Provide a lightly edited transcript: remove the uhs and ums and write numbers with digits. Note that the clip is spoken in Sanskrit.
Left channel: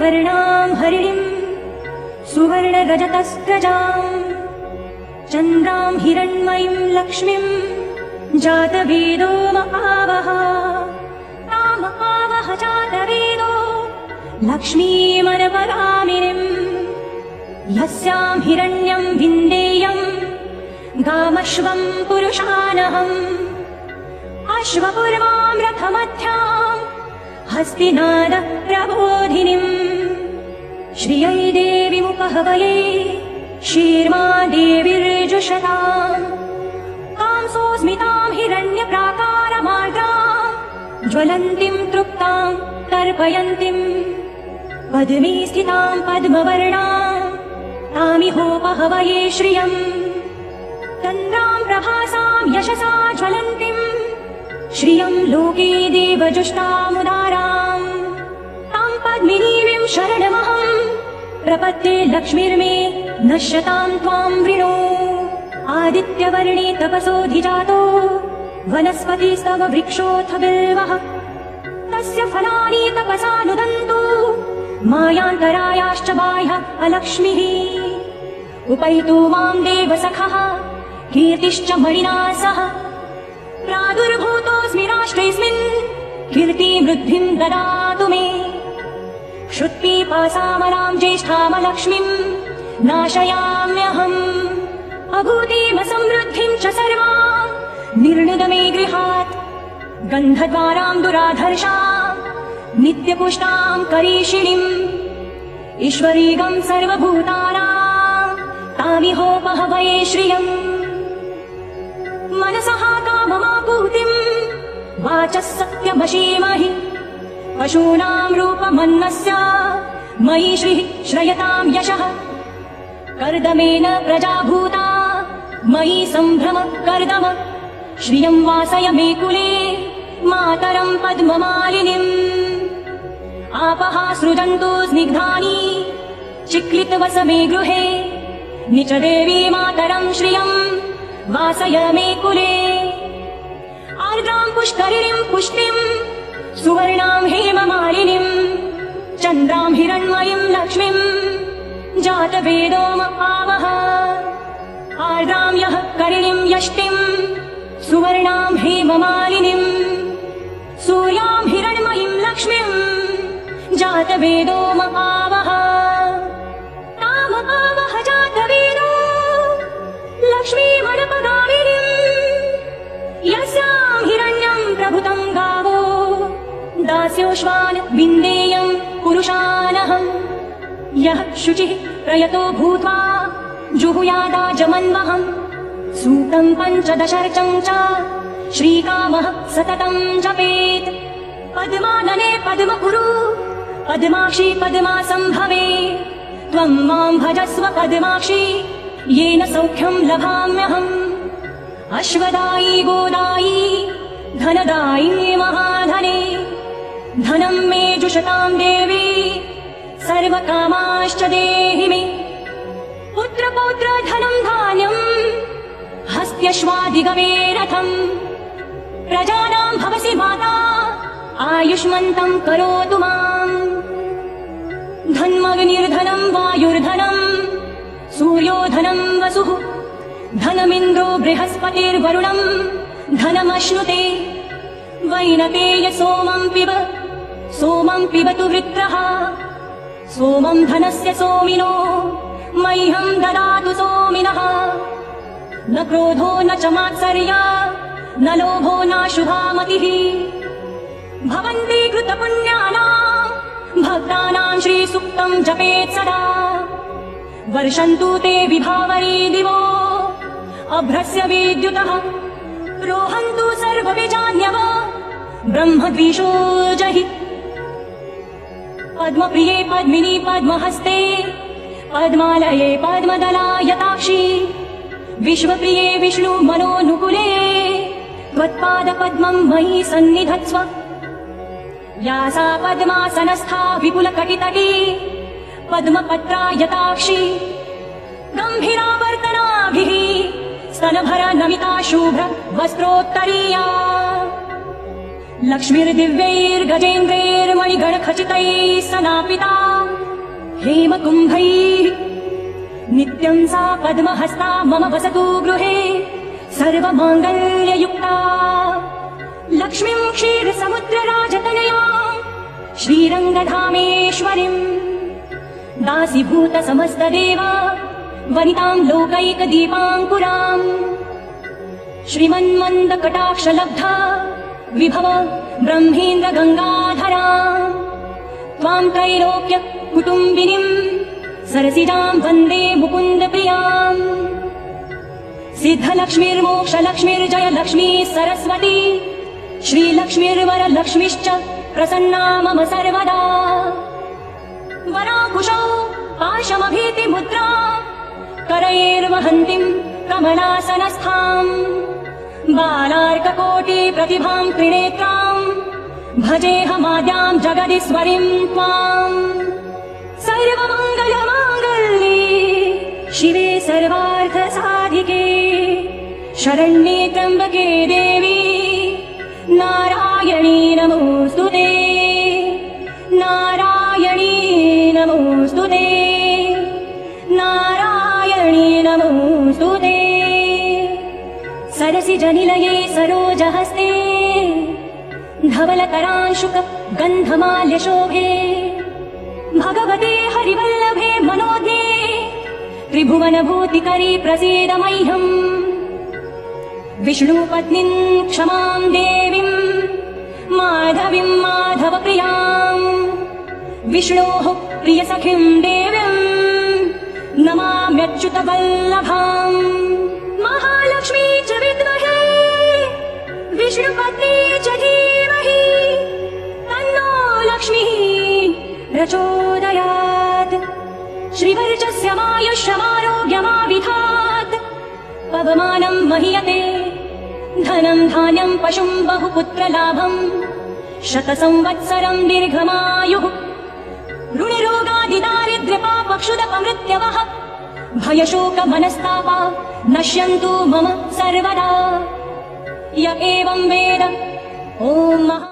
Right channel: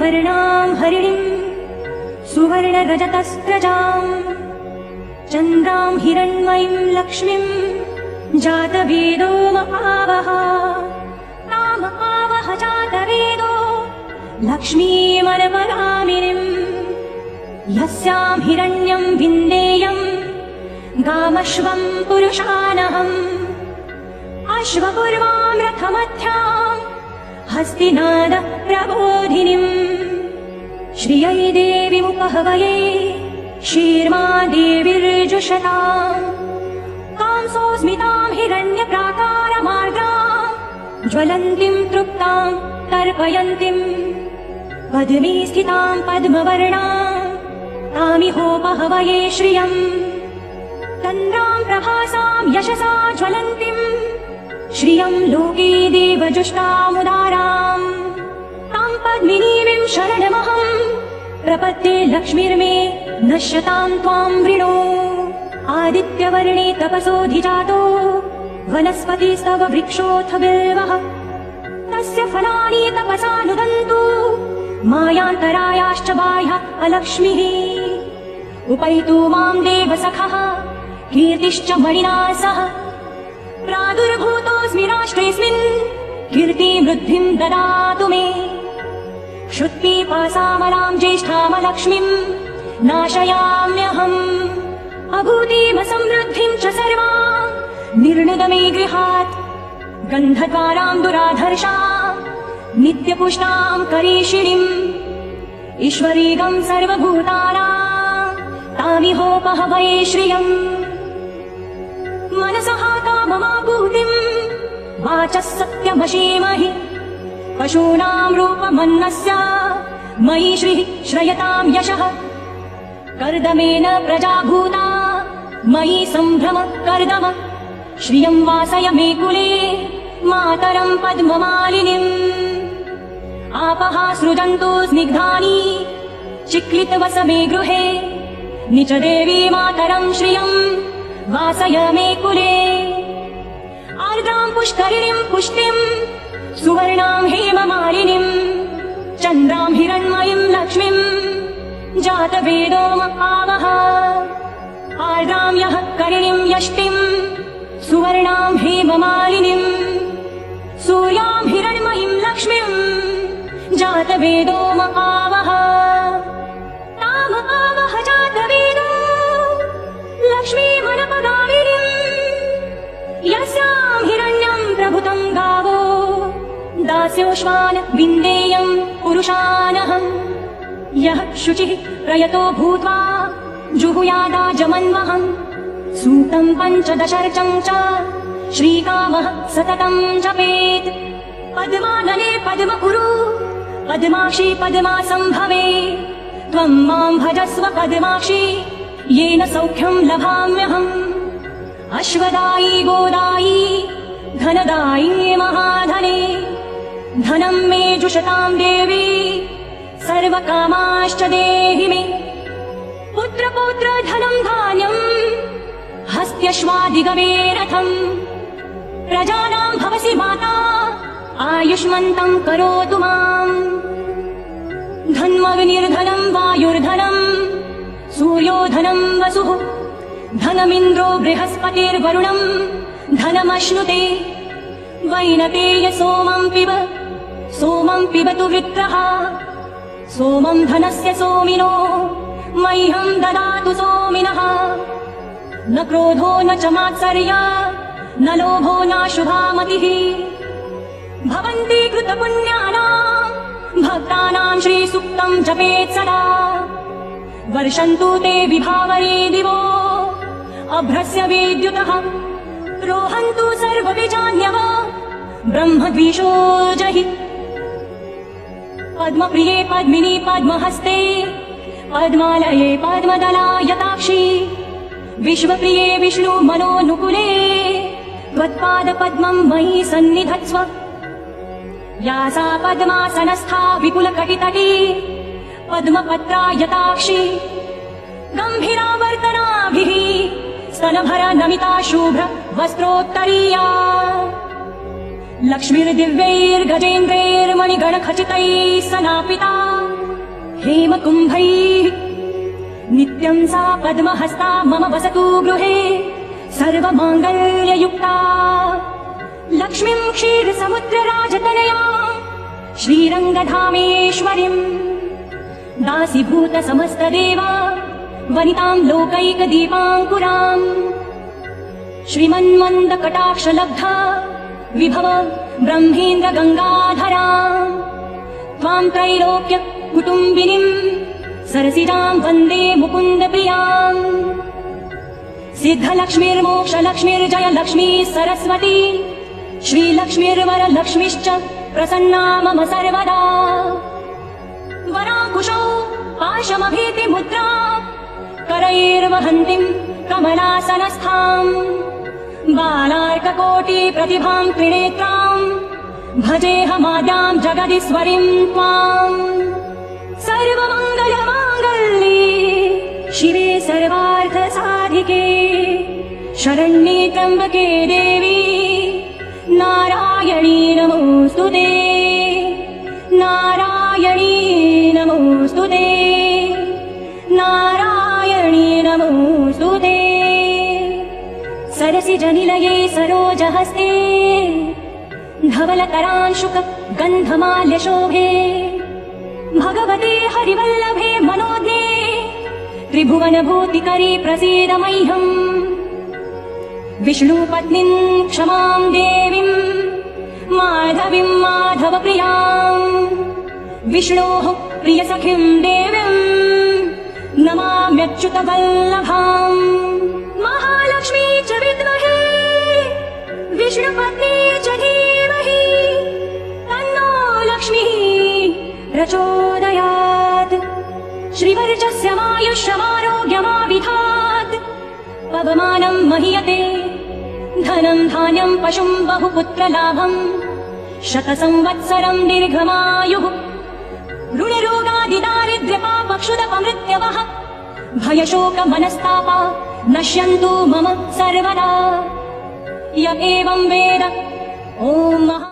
पद्मवर्णां हरिणीं सुवर्णगजतस्रजां चन्द्रां हिरण्मयीं लक्ष्मीं जातवेदो महावः तामपावः जातवेदो लक्ष्मीमनुपगामिनीम् यस्यां हिरण्यं विन्देयं गामश्वं पुरुषानहम् अश्वपर्वां रथमध्यां हस्तिनादः प्रबोधिनीम् श्रियै देवीमुपहवये शीर्मा देवीर्जुषताम् तां सुस्मितां हिरण्यप्राकारमार्द्रां ज्वलन्तीं तृप्तां तर्पयन्तीं पद्मे स्थितां पद्मवर्णां तामिहोपहवये श्रियम् तन्द्रां प्रभासां यशसा ज्वलन्तीं श्रियं लोके देवजुष्टामुदाराम् तां पद्मिनीं शरणमहं प्रपद्ये लक्ष्मीर्मे नश्यतां त्वां वृणु आदित्यवर्णे तपसोऽधिजातु वनस्पतिस्तव वृक्षोऽथ बिल्वः तस्य फलानि तपसा नुदन्तु मायान्तरायाश्च बाह्य अलक्ष्मीः उपैतु मां देवसखः कीर्तिश्च मणिना सह प्रादुर्भूतोऽस्मि राष्ट्रेऽस्मिन् कीर्तिवृद्धिं ददातु मे क्षुत्पिपासामरां ज्येष्ठामलक्ष्मीं नाशयाम्यहम् अभूतिमसमृद्धिं च सर्वा निर्णुदमे गृहात् गन्धद्वारां दुराधर्षां नित्यपुष्टां करीषिणीम् ईश्वरीगं सर्वभूतानां तामिहोपहवये श्रियम् मनसः काममापूतिं वाचः सत्यमशीमहि पशूनां रूपमन्नस्य मयि श्रीः श्रयतां यशः कर्दमेन प्रजा भूता मयि सम्भ्रम कर्दम श्रियं वासय मे कुले मातरं पद्ममालिनीम् आपः सृजन्तु स्निग्धानि चित्रितवस मे गृहे निच देवी मातरं श्रियं वासय मे कुले आर्द्रां पुष्करिणीं पुष्टिं सुवर्णां हेममालिनीं चन्द्रां हिरण्मयीं लक्ष्मीं जातवेदो महावः आर्द्रां यः करिणीं यष्टिं सुवर्णां हेममालिनीं सूर्यां हिरण्मयीं लक्ष्मीं जातवेदो महावः तामपावः जातवेदो लक्ष्मीमनुपगामिनीम् यस्यां हिरण्यं प्रभुतं गावो दास्योश्वान् विन्देयं पुरुषानहम् यः शुचिः प्रयतो भूत्वा जुहुयादाजमन्महम् सूक्तं पञ्चदशर्चं च श्रीकामः सततं जपेत् पद्मानले पद्मकुरु पद्माक्षी पद्मासम्भवे त्वं मां भजस्व पद्माक्षी येन सौख्यं लभाम्यहम् अश्वदायी गोदायी धनदायी महाधने धनं मे जुषतां देवी सर्वकामाश्च देहि मे पुत्रपौत्र धनं धान्यम् हस्त्यश्वादिगमे रथम् प्रजानां भवसि माता आयुष्मन्तं करोतु माम् धन्वविनिर्धनं वायुर्धनम् सूर्योधनं वसुः धनमिन्द्रो बृहस्पतिर्वरुणम् धनमश्नुते वैनतेय सोमं पिबतु वृत्रः सोमं धनस्य सोमिनो मह्यं ददातु सोमिनः न क्रोधो न च मात्सर्या न लोभो नाशुभा मतिः भवन्ति कृतपुण्यानां भक्तानां श्रीसूक्तं जपेत् सदा वर्षन्तु ते विभावये दिवो अभ्रस्य विद्युतः रोहन्तु सर्वपि जान्यवो ब्रह्मद्विषो जहि पद्मप्रिये पद्मिनी पद्महस्ते पद्मालये पद्मदलायताक्षी विश्वप्रिये विष्णु मनोनुकुले त्वत्पादपद्मं मयि सन्निधत्स्व या सा पद्मासनस्था विपुलकटितटे पद्मपत्रायताक्षी गम्भीरावर्तनाभिः स्तनभर नमिता शुभ्र वस्त्रोत्तरीया लक्ष्मीर्दिव्यैर्गजेन्द्रैर्मणिगणखचितैः सदापिता हेमकुम्भैः नित्यं सा पद्महस्ता मम वसतु गृहे सर्वमाङ्गल्ययुक्ता लक्ष्मीं क्षीरसमुद्रराजतनयां श्रीरङ्गधामेश्वरीम् दासीभूत समस्तदेवा वनितां लोकैकदीपाङ्कुराम् श्रीमन्मन्दकटाक्षलब्धा विभव ब्रह्मेन्द्र गङ्गाधरा त्वां त्रैलोक्य कुटुम्बिनीम् सरसिजां वन्दे मुकुन्दप्रियाम् सिद्धलक्ष्मीर्मोक्षलक्ष्मीर्जय लक्ष्मी सरस्वती श्रीलक्ष्मीर्वरलक्ष्मीश्च प्रसन्ना मम सर्वदा वराकुशौ पाशमभीतिमुद्रा करैर्वहन्तीं कमलासनस्थाम् बालार्ककोटि प्रतिभां त्रिनेत्राम् भजेऽहमाद्यां जगदीश्वरीं त्वाम् सर्वमङ्गलमाङ्गल्ये शिवे सर्वार्थसाधिके शरण्ये त्र्यम्बके देवी नारायणी नमोऽस्तुते नारायणी नमोऽस्तुते नारायणी नमोऽस्तुते सरसिजनिलये सरोजहस्ते धवलकरांशुक गन्धमाल्यशोभे भगवते हरिवल्लभे मनोज्ञे त्रिभुवनभूतिकरे प्रसीद मह्यम् विष्णुपत्नीं क्षमां देवीं माधवीं माधवप्रियाम् विष्णोः प्रियसखीं देवीं नमाम्यच्युतवल्लभाम् महालक्ष्मी च विद्महे विष्णुपत्नी च धीमहि तन्नो लक्ष्मीः प्रचोदयात् श्रीवर्चस्य मायुष्यमारोग्यमाविधात् पवमानं महीयते धनं धान्यं पशुं बहुपुत्रलाभम् शतसंवत्सरं दीर्घमायुः ऋणिरोगादिदारिद्र्यपापक्षुदपमृत्यवः भयशोकमनस्तापा नश्यन्तु मम सर्वदा य एवं वेद ॐ महा